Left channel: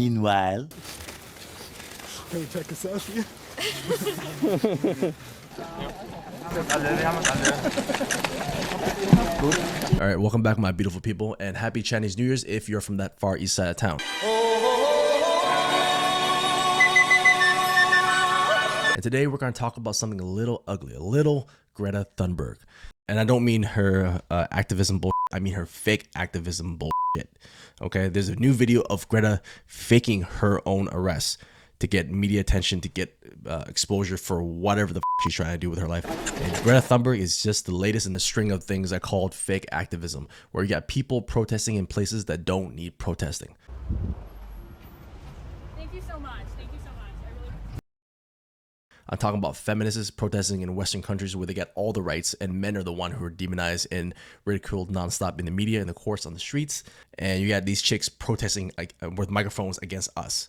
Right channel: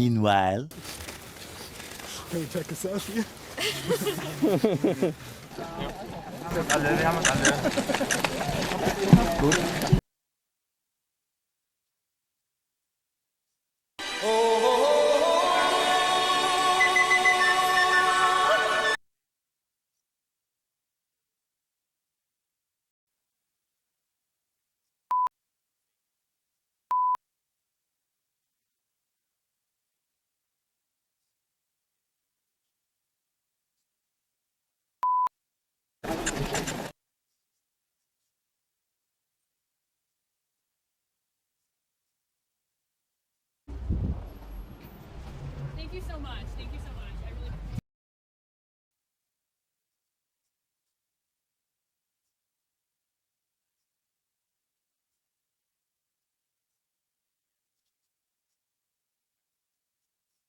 Meanwhile, can we take a selfie? All right, welcome back, my beautiful people, and happy Chinese New Year's if you're from that far east side of town. And today we're going to talk about something a little ugly, a little Greta Thunberg. And I don't mean her activism bullshit, I mean her fake activism bullshit. Okay, there's a new video of Greta faking her own arrest to get media attention, to get exposure for whatever the she's trying to do with her life. And Greta Thunberg is just the latest in the string of things I called fake activism, where you got people protesting in places that don't need protesting. Thank you so much. Thank you so much. I really... I'm talking about feminists protesting in Western countries where they get all the rights, and men are the one who are demonized and ridiculed nonstop in the media, in the courts, on the streets. And you got these chicks protesting like with microphones against us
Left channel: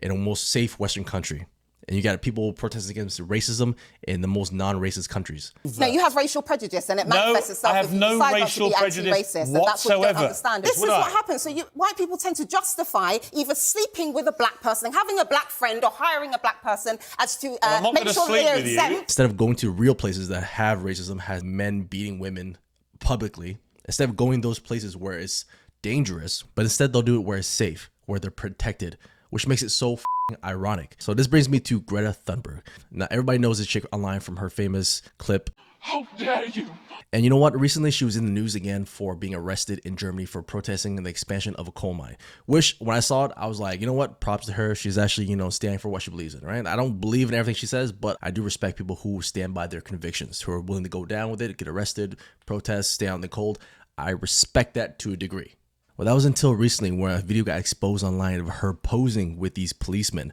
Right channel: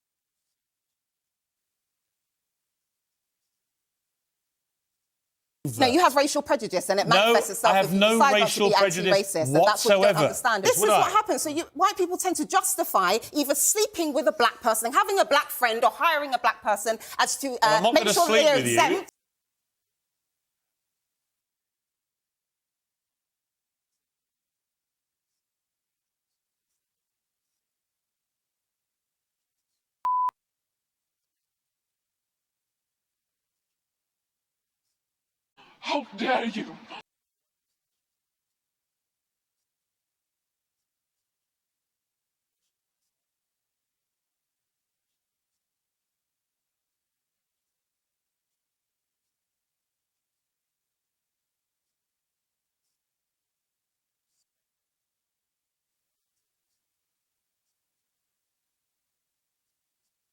in a most safe Western country. And you got people protesting against racism in the most non-racist countries. No, you have racial prejudice, and it manifests itself. I have no racial prejudice whatsoever. And that's what you don't understand. This is what happens. So white people tend to justify either sleeping with a black person, having a black friend, or hiring a black person as to make sure they're exempt. Instead of going to real places that have racism, has men beating women publicly, instead of going those places where it's dangerous, but instead they'll do it where it's safe, where they're protected, which makes it so ironic. So this brings me to Greta Thunberg. Now everybody knows this chick online from her famous clip, "How dare you!" And you know what? Recently she was in the news again for being arrested in Germany for protesting the expansion of a coal mine. Which, when I saw it, I was like, you know what? Props to her. She's actually, standing for what she believes in, right? I don't believe in everything she says, but I do respect people who stand by their convictions, who are willing to go down with it, get arrested, protest, stay out in the cold. I respect that to a degree. Well, that was until recently where a video got exposed online of her posing with these policemen.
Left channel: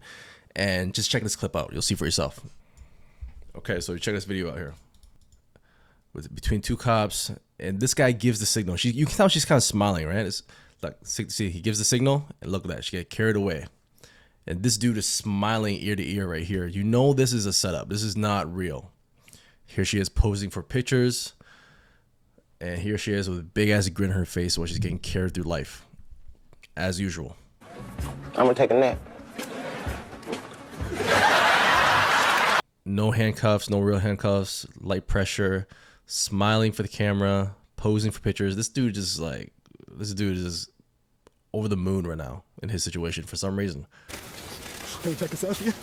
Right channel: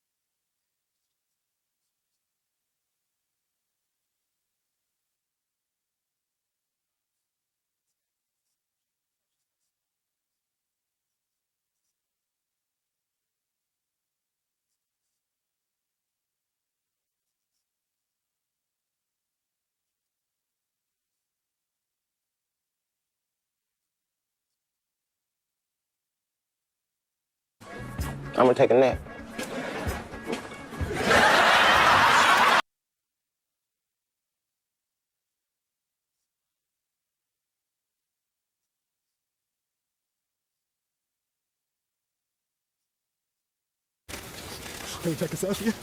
And just check this clip out. You'll see for yourself. Okay, so check this video out here. Between two cops, and this guy gives the signal. You can tell she's kind of smiling, right? It's like, see, he gives the signal, and look at that. She get carried away. And this dude is smiling ear to ear right here. You know this is a setup. This is not real. Here she is posing for pictures. And here she is with a big ass grin on her face while she's getting carried through life, as usual. I'm gonna take a nap. No handcuffs, no real handcuffs, light pressure, smiling for the camera, posing for pictures. This dude is over the moon right now in his situation for some reason. Can we take a selfie?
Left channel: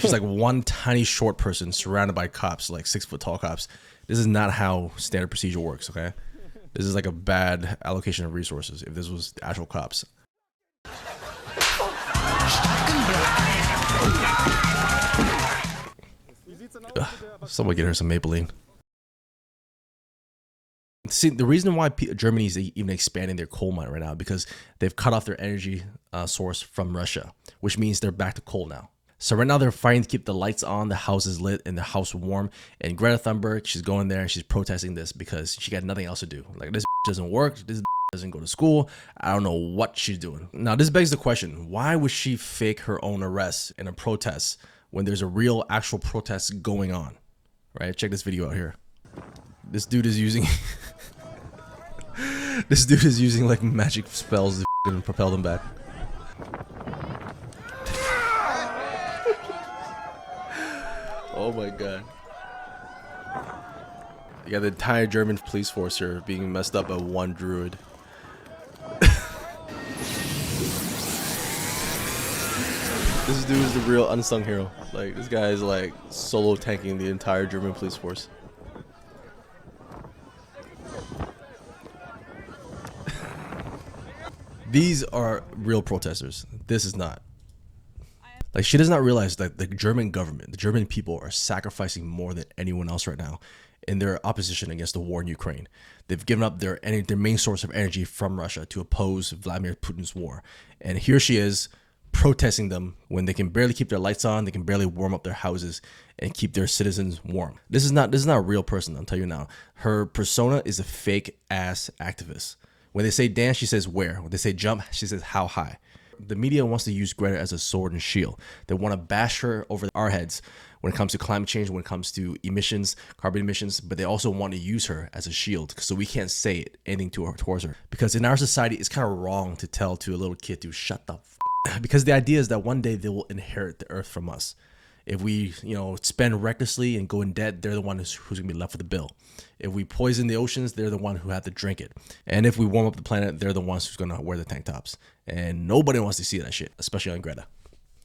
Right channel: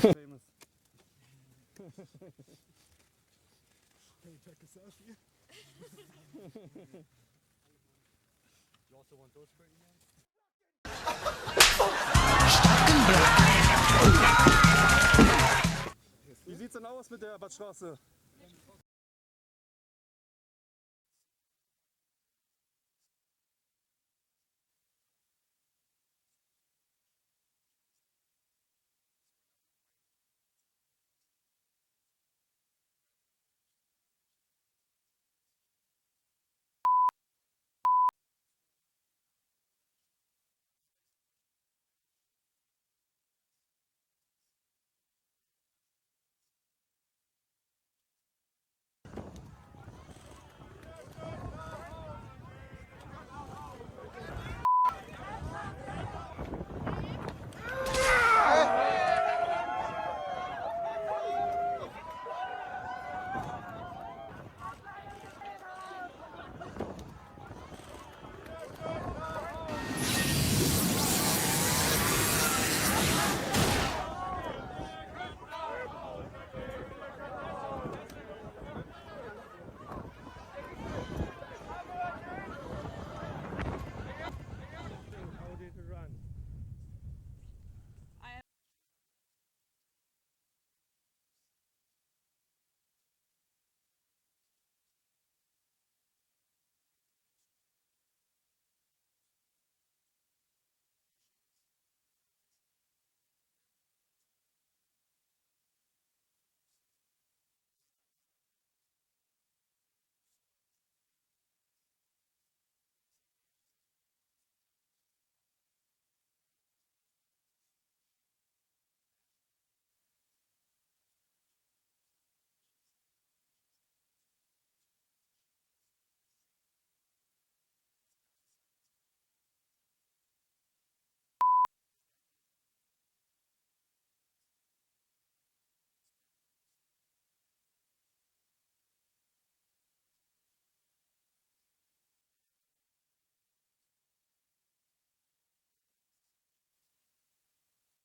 She's like one tiny short person surrounded by cops, like 6 foot tall cops. This is not how standard procedure works, okay? This is like a bad allocation of resources if this was the actual cops. Someone get her some Maybelline. See, the reason why Germany is even expanding their coal mine right now, because they've cut off their energy source from Russia, which means they're back to coal now. So right now they're fighting to keep the lights on, the houses lit, and the house warm. And Greta Thunberg, she's going there and she's protesting this because she got nothing else to do. Like, this doesn't work. This doesn't go to school. I don't know what she's doing. Now, this begs the question, why would she fake her own arrest in a protest when there's a real, actual protest going on? Right? Check this video out here. This dude is using... this dude is using, like, magic spells to propel them back. Oh my god. You got the entire German police force here being messed up by one druid. This dude is the real unsung hero. Like, this guy is like solo tanking the entire German police force. These are real protesters. This is not. Like, she does not realize that the German government, the German people are sacrificing more than anyone else right now in their opposition against the war in Ukraine. They've given up their main source of energy from Russia to oppose Vladimir Putin's war. And here she is protesting them when they can barely keep their lights on, they can barely warm up their houses and keep their citizens warm. This is not a real person, I'll tell you now. Her persona is a fake ass activist. When they say dance, she says where. When they say jump, she says how high. The media wants to use Greta as a sword and shield. They want to bash her over our heads when it comes to climate change, when it comes to emissions, carbon emissions, but they also want to use her as a shield so we can't say anything to her, towards her. Because in our society, it's kind of wrong to tell to a little kid to shut the f Because the idea is that one day they will inherit the earth from us. If we, spend recklessly and go in debt, they're the one who's going to be left with the bill. If we poison the oceans, they're the one who have to drink it. And if we warm up the planet, they're the ones who's going to wear the tank tops. And nobody wants to see that shit, especially on Greta.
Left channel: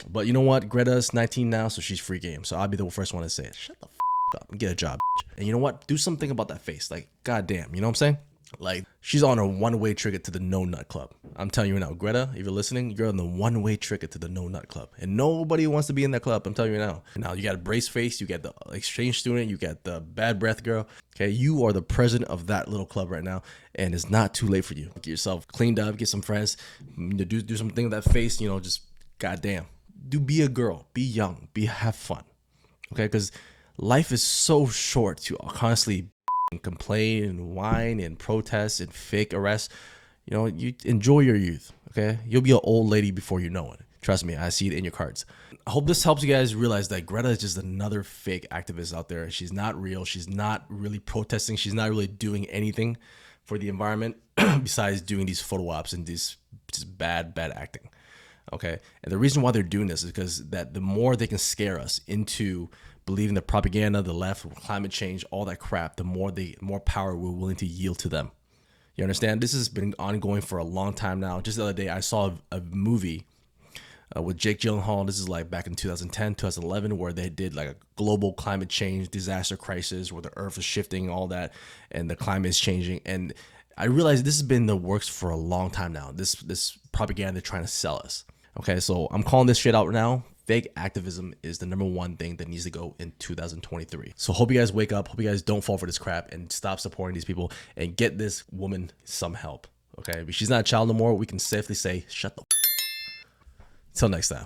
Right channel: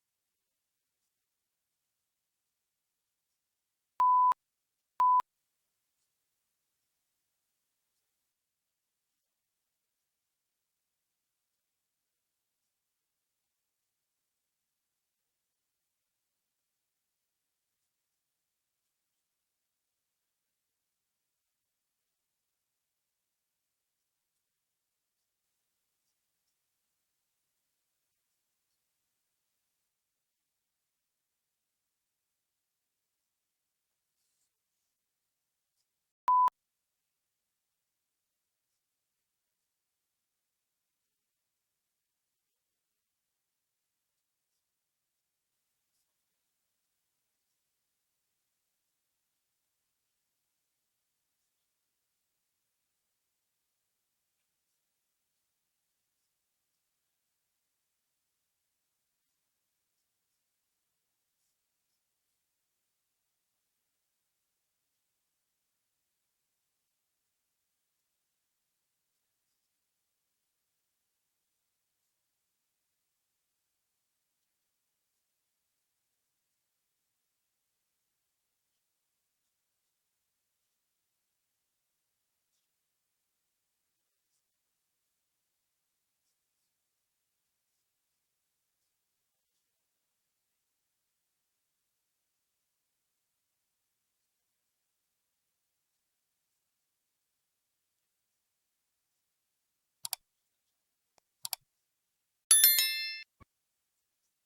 But you know what? Greta's 19 now, so she's free game. So I'll be the first one to say it. Shut the up and get a job. And you know what? Do something about that face. Like, goddamn, you know what I'm saying? Like, she's on a one-way ticket to the No Nut Club. I'm telling you now, Greta, if you're listening, you're on the one-way ticket to the No Nut Club. And nobody wants to be in that club, I'm telling you now. Now, you got a brace face, you got the exchange student, you got the bad breath girl. Okay, you are the president of that little club right now, and it's not too late for you. Get yourself cleaned up, get some friends, do something with that face, just goddamn. Be a girl, be young, have fun. Okay, because life is so short to constantly and complain and whine and protest and fake arrest. You enjoy your youth. Okay, you'll be an old lady before you know it. Trust me, I see it in your cards. I hope this helps you guys realize that Greta is just another fake activist out there. She's not real. She's not really protesting. She's not really doing anything for the environment besides doing these photo ops and this just bad acting. Okay, and the reason why they're doing this is because that the more they can scare us into believing the propaganda, the left, climate change, all that crap, the more power we're willing to yield to them. You understand? This has been ongoing for a long time now. Just the other day, I saw a movie with Jake Gyllenhaal. This is like back in 2010, 2011, where they did like a global climate change disaster crisis where the earth is shifting, all that, and the climate is changing. And I realized this has been in the works for a long time now. This propaganda they're trying to sell us. Okay, so I'm calling this shit out now. Fake activism is the number one thing that needs to go in 2023. So hope you guys wake up. Hope you guys don't fall for this crap and stop supporting these people and get this woman some help. Okay, if she's not a child no more, we can safely say, shut the. Till next time.